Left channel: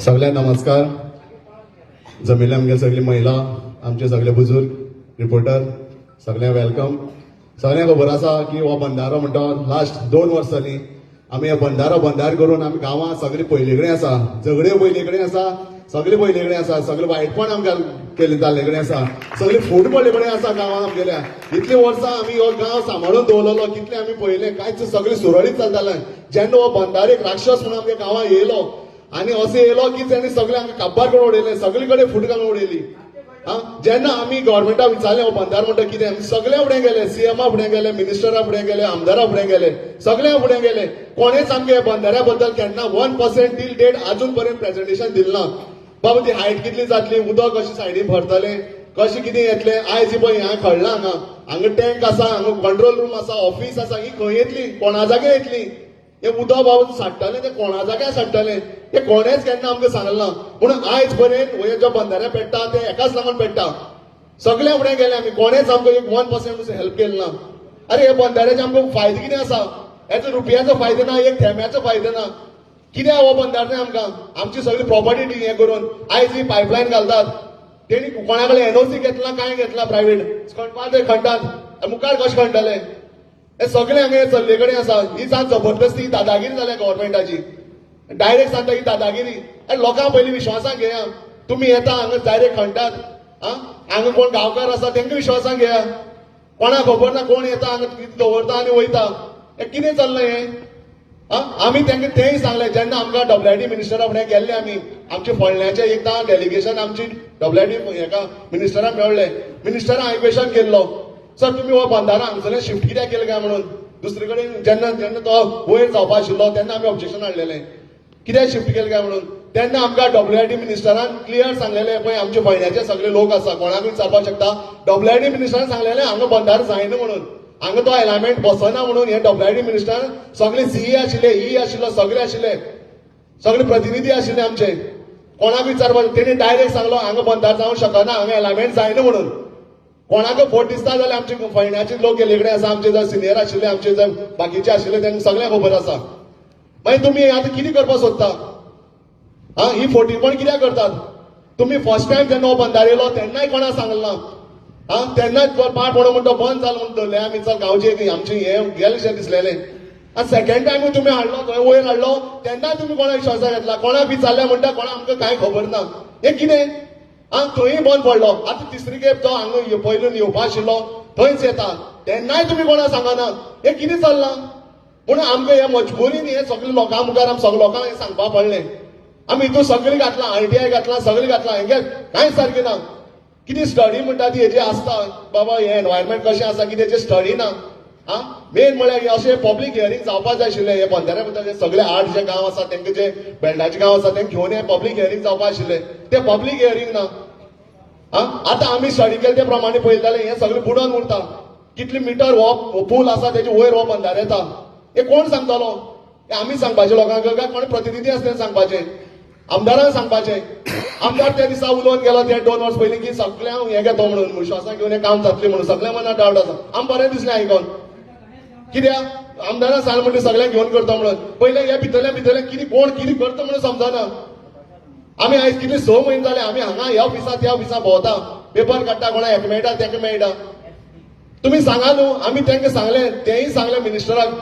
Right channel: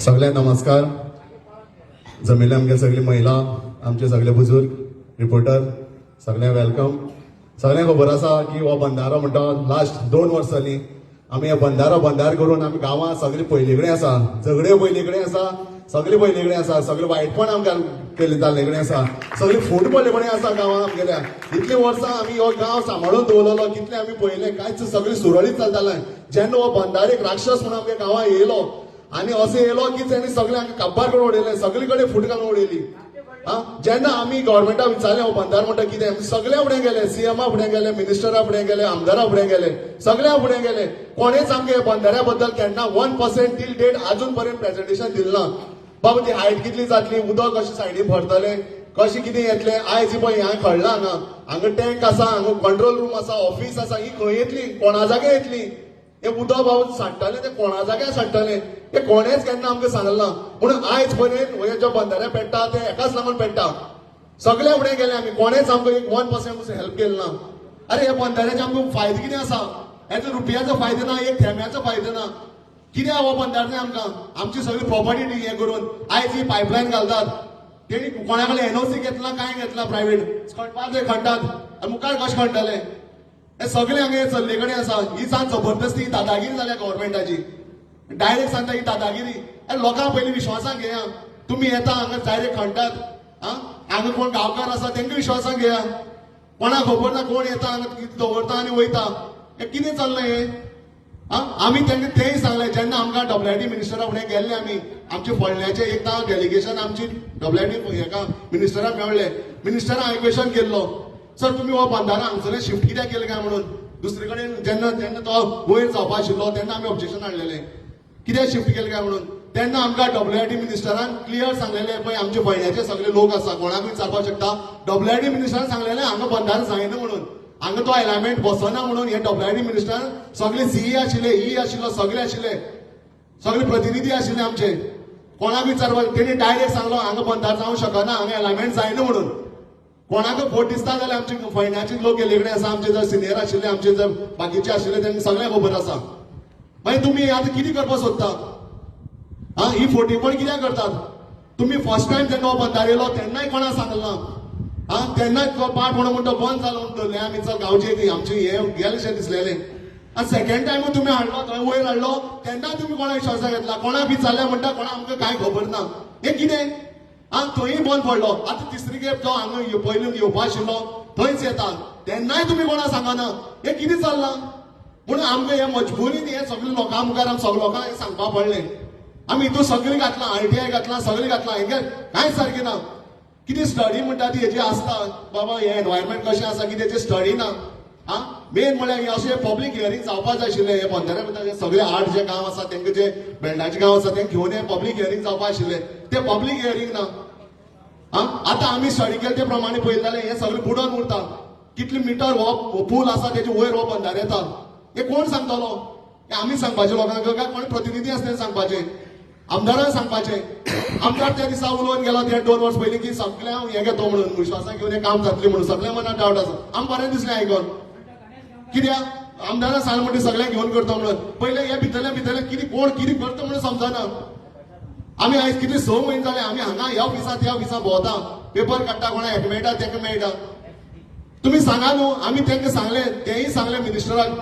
सगळ्यांक नमस्कार. जमिल्ले आमगे सगळी महिला आमचे सगळे बुजुर्ग रिपोर्टर सगळ्यांक वेलकम सगळ्यांक खबर आसा की हो बंधारो म्हणटा लास्ट दोन वर्सांनी आमी हे बंधारो बंधार करून आमी गांवांत सगळे पयले कडेन आसा झगड्यो पयले कडेन आसा सगळे पयले कडेन आसा सगळे वायटपण आमकां केले जाल्ले कडेन आसा सगळे फूट पडले कडेन आसा गांवांत आमगेल्या इतलीं वर्सां आमी हो गांव सांबाळून दवरलो कितले आमी पयले कांयच सगळें सुरळीत चलतालें जेन्ना हो बंधारेक राक्षस म्हणून आमच्या गांवांत येयलो आनी असो येयलो की तेणी सगळे आमकां काबार कडेन उडयले सगळे कडेन उडयली हा जेन्ना आमी गव्हर्मेंटा विचारले हो बंदार म्हणटा कितें सगळे फुडें गेले सीएमा फुडें गेले मिनिस्टरा फुडें गेले आमदारा फुडें गेले सगळ्या फुडें गेले. कोणेच आमगे बंदाऱ्या बद्दल केन्ना वन पर्सेंट टील डेट अजून पर्यंत प्रेझेंटेशन दिलें ना बाबा ती हायट कितली जातली? उदक कशी सायडीन भरतले? कशें कितें येतलें? आयज पळय हांगा कळना हांगा हांगा टँक आसा हांगा कंट्रोल रूम आसा ऑफिस आसा ही खंय येतली? कोणा जागे येतली? हे उदक बाबा सांडटले ते कोणा जाग्यार सांडटले हे कोणेच केन्ना आमकां सांगलें ना म्हणून आयज पर्यंत हे जो बंधारे पेट्टा ते एकाच लागून पेट्टा सगळे फुडें गेले आमी कोणेच आमकां एक वन पर्सेंट हेल्प केलें ना अरे हे बंधाऱ्याचे आमकां फायदे कितें आसा हेचो रुपयाचो फायदो ना एक थेंब्याचो फायदो ना कितें हो बंधारे आमकां? आमची सगळी प्रॉपर्टी हें करून आयज ही पायपलायन घालतात तेणी कोणा कडेन एनओसी घेतला काय घेतला प्रायव्हेट खणपाक ते खणटात मुखार कशें खणटले हे सगळे हांगा चल्ले कडेन आसा ही सांग जबरदस्ती दादागिरी जाल्या गव्हर्मेंटाची डायरेक्ट सांगता ही दादागिरी. आनी लोकांक पयलीं विश्वासाक घेया. तुमी येता हांगा डायरेक्ट खणटात आं हांगा कोण गांवकार आसा तेंका विश्वासाक घेया. कोणाक खबर ना कोण येता हांगा कितें दवरता आनी वयता हे कितें चल्लें हें? आं? आमी तेंका तेंय सांगलें जेन्ना आमकां डब्ल्यूआयडी मिनिस्टरा फुडें गेल्ले आमी आमचे फोडण्याचे एकदां डेलिगेशन आमची डब्ल्यूआयडी हेका मिनिस्टराक मेळ्ळें मिनिस्टरान हांवें क्वेश्चन केल्लो सर तुमी हो बंधारा हांगसर शिफ्ट कित्याक केलें काय म्हणून? दुसरे कडेन जेन्ना जेन्ना तो वयर जावपा आशिल्लो तेन्ना आमी ऑब्जेक्शन हाडलेलें कित्याक शिफ्ट केलें काय म्हणून? तेन्ना आमकां डी मिनिस्टरान क्लियर सांगलेलें पळय आमचे फोडण्याचे सगळे लोक आसा कोणाकूय विचारपाक शकता? डब्ल्यूआयडी मिनिस्टरान सांगलेलें हांगा बंधार जायना म्हणून. हांगा तो एलायमेंट बसना म्हणून. हे डी मिनिस्टरान सगळे सीई आशिल्ले ई आशिल्लो सगळे आशिल्ले सगळे प्रतिनिधी आशिल्ले आमचे. कोणाक विचारपाक तेणी डायरेक्ट सांगलो हांगा बंधार जावंक शकना हांगा एलायमेंट जायना म्हणून. कोणाक फोट दिसता जाल्यार आमचे फयण्याचे लोक गेले कडेन आसा आमचे जर सिनियर आशिल्ले आमचे जर बाकीचे आशिल्ले तांकां सगळ्यांक खबर आसा मागीर तुमी आतां कितें करपाक सोदता हा ही फोटीपण कित्याक करतात? तुमी फर्स्ट टायम जेन्ना हो बंधार येयलो तेन्नाय कोणाक सांगलो ना? हा तेन्नाच तो पाट म्हणून म्हणतो बंद जालो म्हणून दवरले आमी चल गांवचे की आमची हे गेलेशें दिसलेलें. आनी सेकेंड टायमूय तुमी हाडलो थंय वयर हाडलो तेन्नाय तुमी कोणाक विश्वासाक घेतला. कोणाक विचारलें म्हणटा कोणाक आमकां कांय खबर ना. हें कितें हा थंय बंद पडलो आतां तिसरी खेप जो हांगा ये- पयलीं येवपा आशिल्लो थंयच येता तेन्नाय तुमी कोणा सांगना हें कितें चल्लां म्हणून आमकां हे मजबुरीन हे सगळे लोकां मुखार आमी सगळे लोकांक हें सांगपा पडलें आमी हितून सगळें घातलां आयटीआय घातलां सगळें घातलां हें कांयच सारकें ना कितें स्टडी म्हणटा ती हेजी आसता बाबा हे एनवायरमेंट कशें आसा कितें तेजें स्टडी ना आं मेन म्हळ्यार अशें पब्लीक हियरींग जावपा जाय आशिल्लें हे बंधारे भितर सगळे आठ जे गांव आसा तेंका जे बेल्डाचे गांव आसा तेंका घेवन हे पब्लीक हियरींग जावपा आशिल्लें ते पब्लीक हियरींग ना. आता आतां आमी स्टडी केले ते प्रमाणे पळयताले हे सगळे बुडोन उरता कितले मिटर हो पूल आसा तेजे वयर हो अंधार येता. हे कोण सांगतालो? हे आमी सांगपाचे. लोकांक काय कोण प्रतिनिधी आसता सांगपाचें. आमदारांक सांगपाचें. आमदार त्या दिसा उलोवन गेलो. ते दोन वर्स पयलीं की सगळ्यांक हें घेतो म्हणून. विश्वासान घेवन हें काम जातलें म्हणून. सगळ्या मनात डावट आसा आमकां बरें दिसलें आयकून कित्याक आमदारां सांग म्हणून सगळ्यांक घेवन करता म्हणून. पयले हे भितरल्या भितरल्या कितें कोण कितें करता म्हणून समजना आमी आयज कितले स म्हयने जाले आमी हांगा ह्या ऑफिसा त्या ऑफिसा भोंवता. पेपर काडटा कोणा हेका मेळटा तेका मेळटा तुमी सांगा न्हू आमी तेंका सांगलें तेंय सांगलें मिनिस्टराक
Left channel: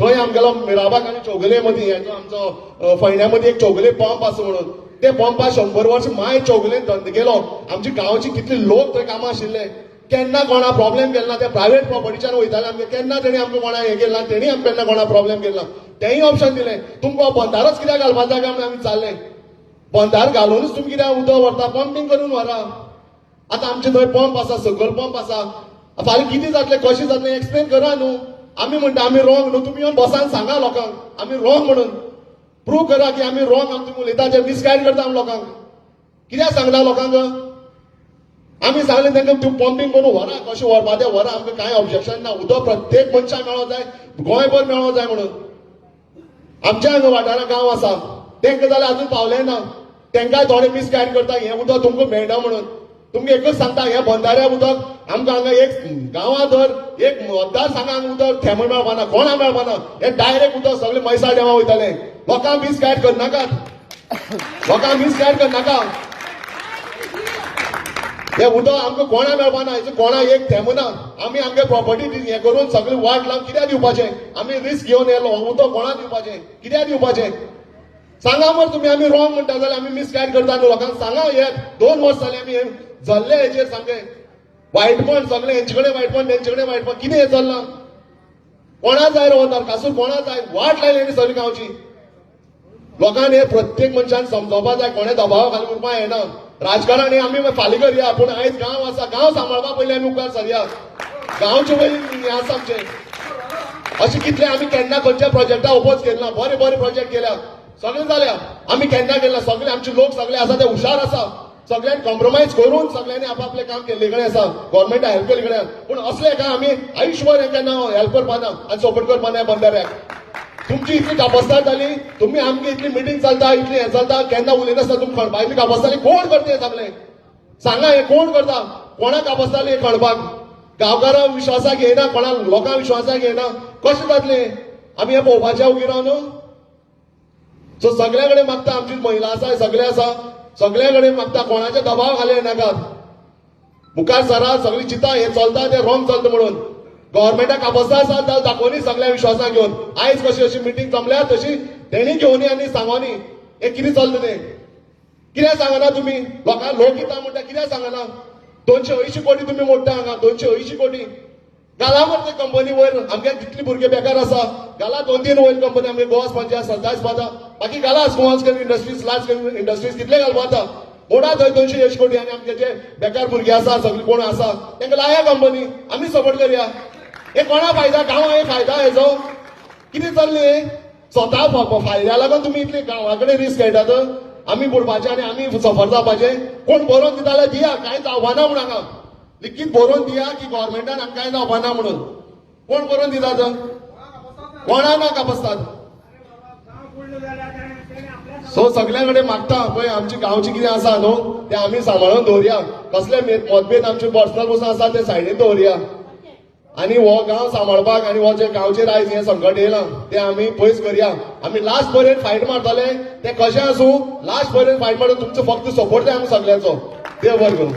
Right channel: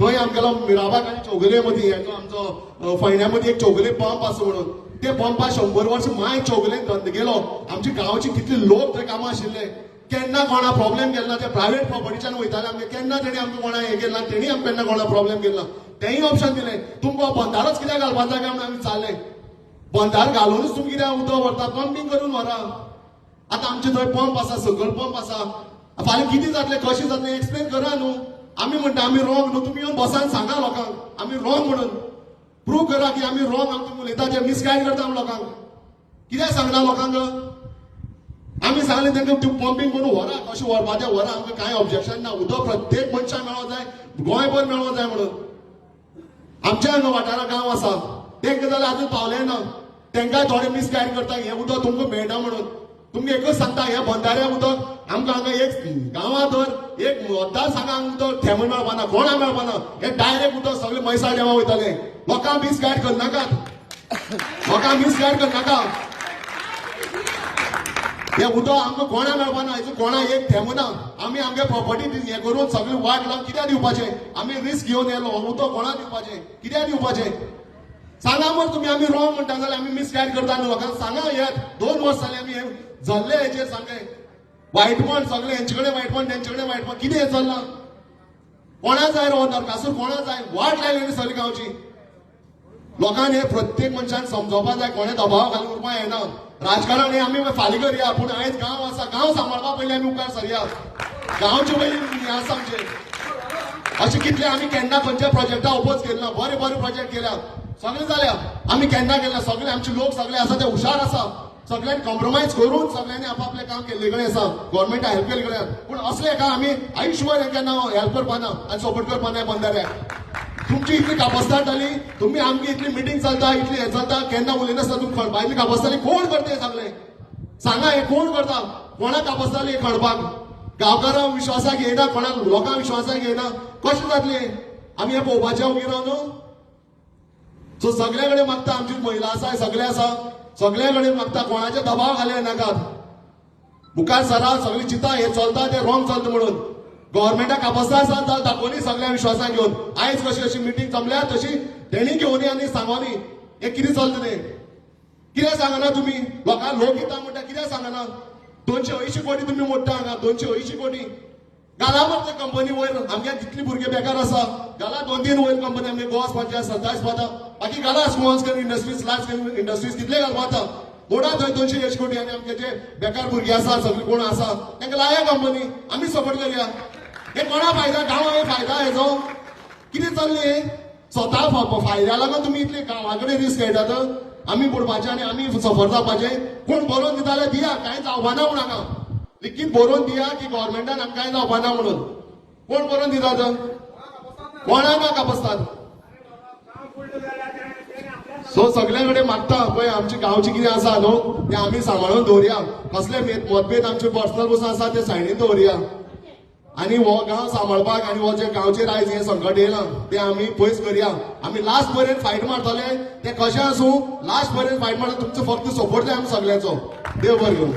थंय आमगेलो मिराबाग आनी चौगुले मदीं हेचो आमचो अ, मदीं एक चौगुले पंप आसा म्हणून. ते पंपा शंबर वर्स माय चौगुलेन धंद केलो. आमची गांवची कितले लोक थंय कामां आशिल्ले. केन्ना कोणा प्रॉब्लेम केलो ना ते प्रायव्हेट प्रॉपर्टीच्यान वयताले आमगे. केन्ना तेणी आमकां कोणा हें केलां तेणी आमकां केन्ना कोणा प्रॉब्लेम केलो. ना तेंय ऑप्शन दिलें. तुमकां बंदारच कित्याक घालपाक जाय आमी चाललें. बंधार घालूनच तुमी कित्याक उदक व्हरता पंपींग करून व्हरा. आतां आमचे थंय पंप आसा सकल पंप आसा. फाल्यां कितें जातलें कशें जातलें एक्सप्लेन करा न्हू. आमी म्हणटा आमी रॉंग न्हू. तुमी येवन बसान सांगा लोकांक. आमी रॉंग म्हणून. प्रूव करा की आमी रॉंग आमी तुमी उलयता ते मिसगायड करता आमी लोकांक. कित्याक सांगला लोकांक? आमी सांगलें तांकां तूं पंपींग करून व्हरा कशें व्हरपा तें व्हरा. आमकां कांय ऑब्जेक्शन ना. उदक प्रत्येक मनशाक मेळों जाय गोंयभर मेळों जाय म्हणून. आमच्या वाठारांत गांव आसा. तेंका जाल्यार आजून पावलें ना. तेंकां थोडे मिसगायड करता हें उदक तुमकां मेळटा म्हणून. तुमकां एकच सांगता हें बंधाऱ्या उदक आमकां हांगा एक गांवां धर एक मतदार सांगांक उदक थेंबण मेळपाना कोणाक मेळपाना हें डायरेक्ट उदक सगळे मैसा देवा वयताले लोकांक मिसगायड करनाकात लोकांक मिसगायड करनाका हे उदक आमकां कोणा मेळपाना हेचो कोणा एक थेमना आमी आमगे प्रॉपर्टी हे करून सगळी वाट लावन कित्याक दिवपाचें आमी रिस्क घेवन येयलो. उदक कोणाक दिवपाचें कित्याक दिवपाचें सांगा मग तुमी आमी रॉंग म्हणटा जाल्यार आमी मिसगायड करता आनी लोकांक सांगा हे दोन वर्स जाले आमी हे जल्ले हेचेर सामके वायटपण सगळे हेंचे कडेन वायटपण तेंचे कडेन वायटपण कितें हें चल्लां कोणा जाय रो नरकासूर कोणा जाय वाट लायली सगळी गांवची. लोकांनी हे प्रत्येक मनशान समजोवपा जाय कोणे दबाव घालून उरपा येना राजकारणी आमी फाल्यां करया पूण आयज गांव आसा गांव सांबाळपा पयलीं आमी उपकार सरया गांवचे पयलीं हें आसा आमचें अशें कितले आमी केन्ना खंयच्या प्रोजेक्टा ओपोज केला बरें बरें. सगळे जाल्या आमी केन्ना केला. सगळे आमचे लोक सगळे आसा ते हुशार आसा सगळ्यांनी कॉम्प्रोमाइज करून सगळ्यांनी आपापले काम केल्ले कडेन आसा गव्हर्मेंटा हेल्प केले कडेन पूण असले काय आमी आयुष्यभर केन्ना हेल्प करपाना आणि सपोर्ट करपाना बंदाऱ्याक तुमची इतली कापासदार जाली तुम्ही आमची इतली मिटींग चलता इतली हे चलता. केन्ना उलयनासता तुमी खणपा इतली कापासदारली कोण करता हे सगळे? सांगा हे कोण करता? कोणाक कापासदारली हे खणपाक गांवकारां विश्वासाक येना कोणाक लोकांक विश्वासाक येना कशें जातलें आमी हे पळोवपाचें उबी रावन सो सगळे कडेन मागता आमची महिला आसा सगळे आसा सगळे कडेन मागता कोणाचे दबाव घाले नाकात मुखार सरा सगळी चिता हे चलता ते रॉंग चलता म्हणून. गव्हर्मेंटाक कापासदार आसा जाल्यार दाखोवनी सगळ्या विश्वासाक घेवन आयज कशी अशी मिटींग जमल्या तशी तेणी घेवनी आनी सांगोनी हे कितें चलता तें? कित्याक सांगना तुमी लोकांक लोक येता म्हणटा कित्याक सांगना दोनशे अंयशीं कोटी तुमी मोडटा हांगा दोनशे अंयशीं कोटी. घाला मरे ते कंपनी वयर आमगे जितली भुरगे बेकार आसा घाला दोन तीन वयर कंपनी आमगे गोवास पंचायत सरदास पाता बाकी घाला small scale industries large scale industries कितले घालपा आता मोडा थंय दोनशे एश कोटी आनी आमचे जे बेकार भुरगे आसा सगळे कोण आसा तांकां लाया कंपनी आमी सपोर्ट करया. हे कोणा फायदा? गांवा हे फायदा हेजो कितें चल्लें स्वता फायद्या लागून तुमी इतले गांवा कडेन रिस्क घेतात आमी बुडपाचे आनी आमी सफर जावपाचे कोण बरोवन दिता जाल्यार दिया कांय जावपाना म्हण हांगा लेगीत बरोवन दिया की गव्हर्मेंटान आमकां कांय जावपाना म्हणून. कोण बरोवन दिता तर? कोणा ना बसतात? सो सगळे कडेन मागता पळय आमची गांवची कितें आसा न्हू? ते आमी सांबाळून दवरया. कसले मतभेद आमचे पर्सनल वस्तू आसा ते सायडीन दवरया. आनी हो गांव सांबाळपाक आनी हो जे गांवचेर आयज हें संकट येयलां तें आमी पयस करया आमी लास्ट पर्यंत फायट मारतले. ते कशें आसूं? लास्ट पर्यंत फायट मारून तुमचो फक्त सपोर्ट जाय आमी सगळ्यांचो. देव बरें करूं.